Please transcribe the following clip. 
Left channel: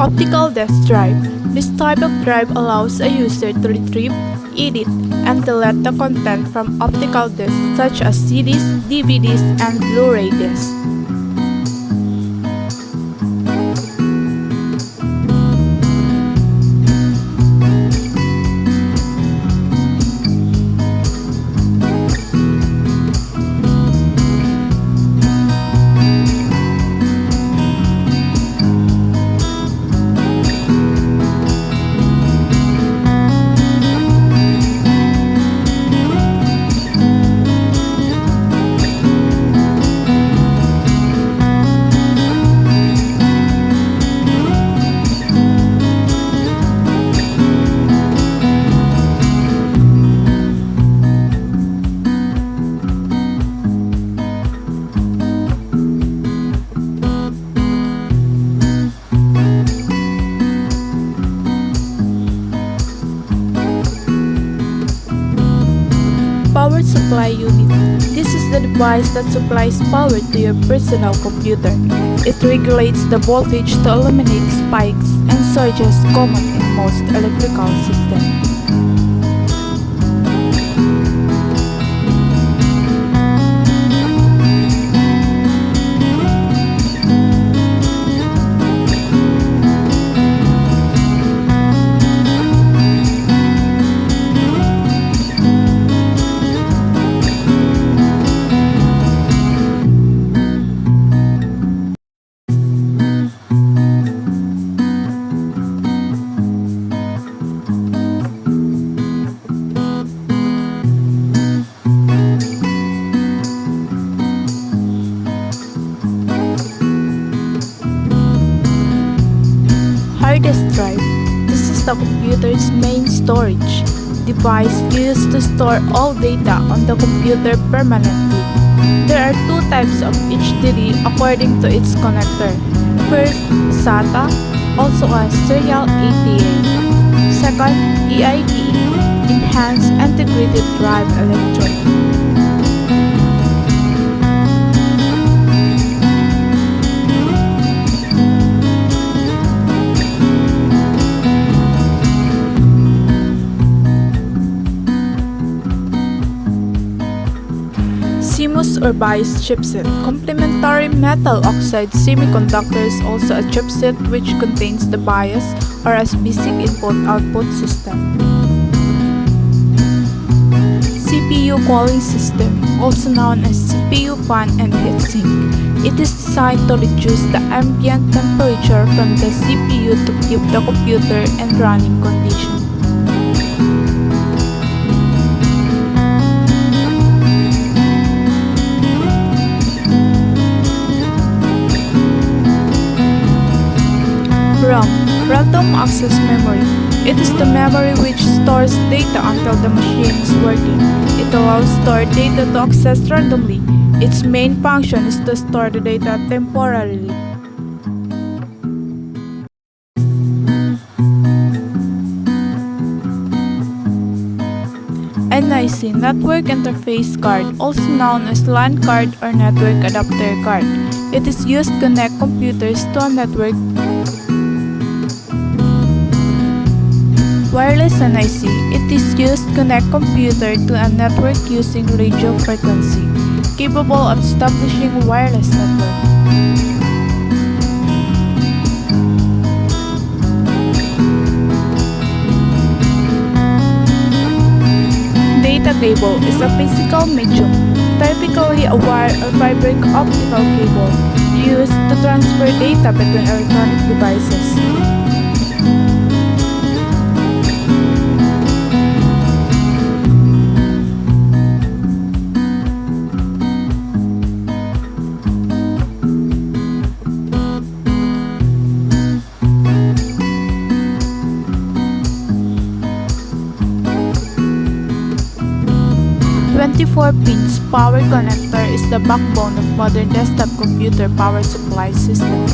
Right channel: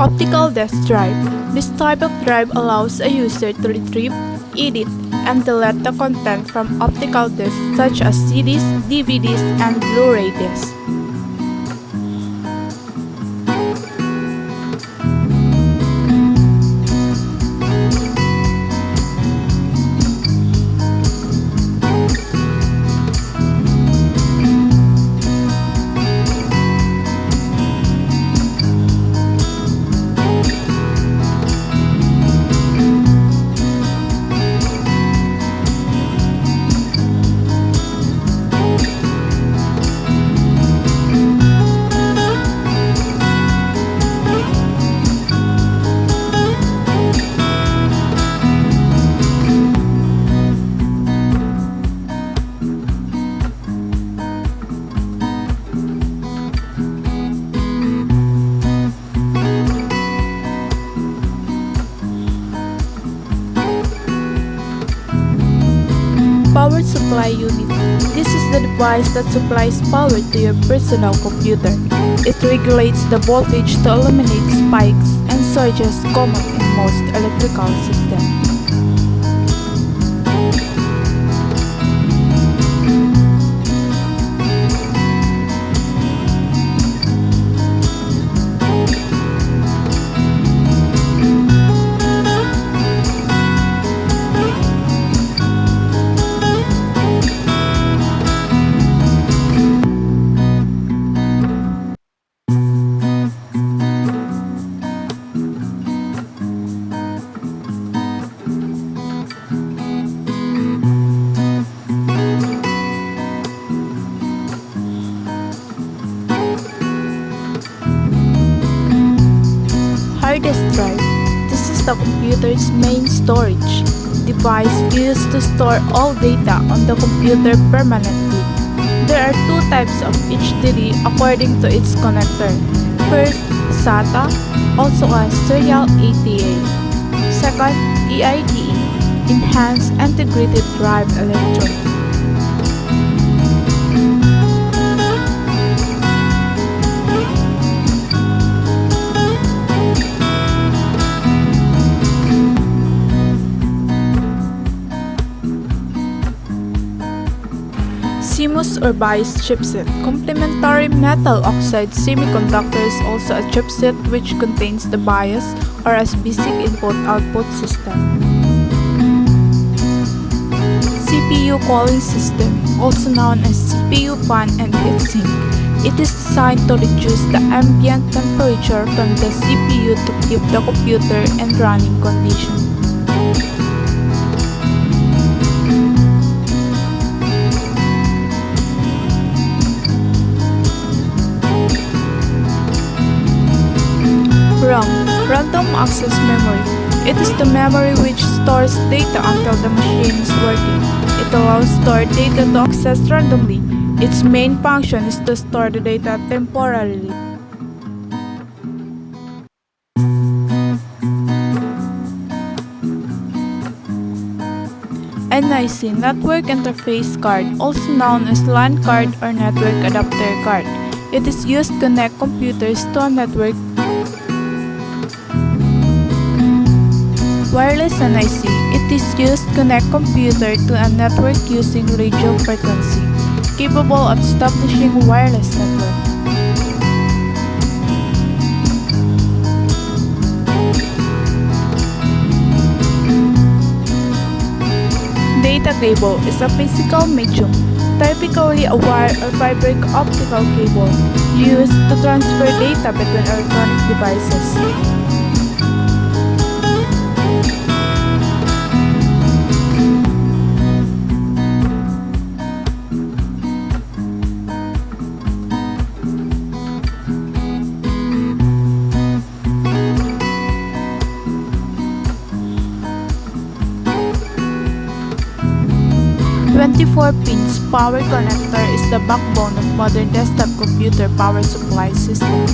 Optical disk drive. This type of drive allows a user to retrieve, edit, and delete the content from optical disks such as CDs, DVDs, and Blu-ray discs. Power supply unit. This is the device that supplies power to your personal computer. It regulates the voltage to eliminate spikes and surges common in most electrical systems. Hard disk drive. This is the computer's main storage device used to store all data on the computer permanently. There are two types of HDD according to its connector. First, SATA, also as serial ATA. Second, EIDE, Enhanced Integrated Drive Electrode. CMOS or BIOS chipset. Complementary metal oxide semiconductor is also a chipset which contains the BIOS or as basic input-output system. CPU cooling system, also known as CPU fan and heatsink. It is designed to reduce the ambient temperature from the CPU to keep the computer in running condition. RAM, Random Access Memory. It is the memory which stores data until the machine is working. It allows stored data to access randomly. Its main function is to store the data temporarily. NIC, Network Interface Card, also known as LAN card or Network Adapter Card. It is used to connect computers to a network. Wireless NIC. It is used to connect computer to a network using radio frequency, capable of establishing wireless network. Data cable is a physical medium, typically a wire or fiber optical cable, used to transfer data between electronic devices. Twenty-four pins power connector is the backbone of modern desktop computer power supply system.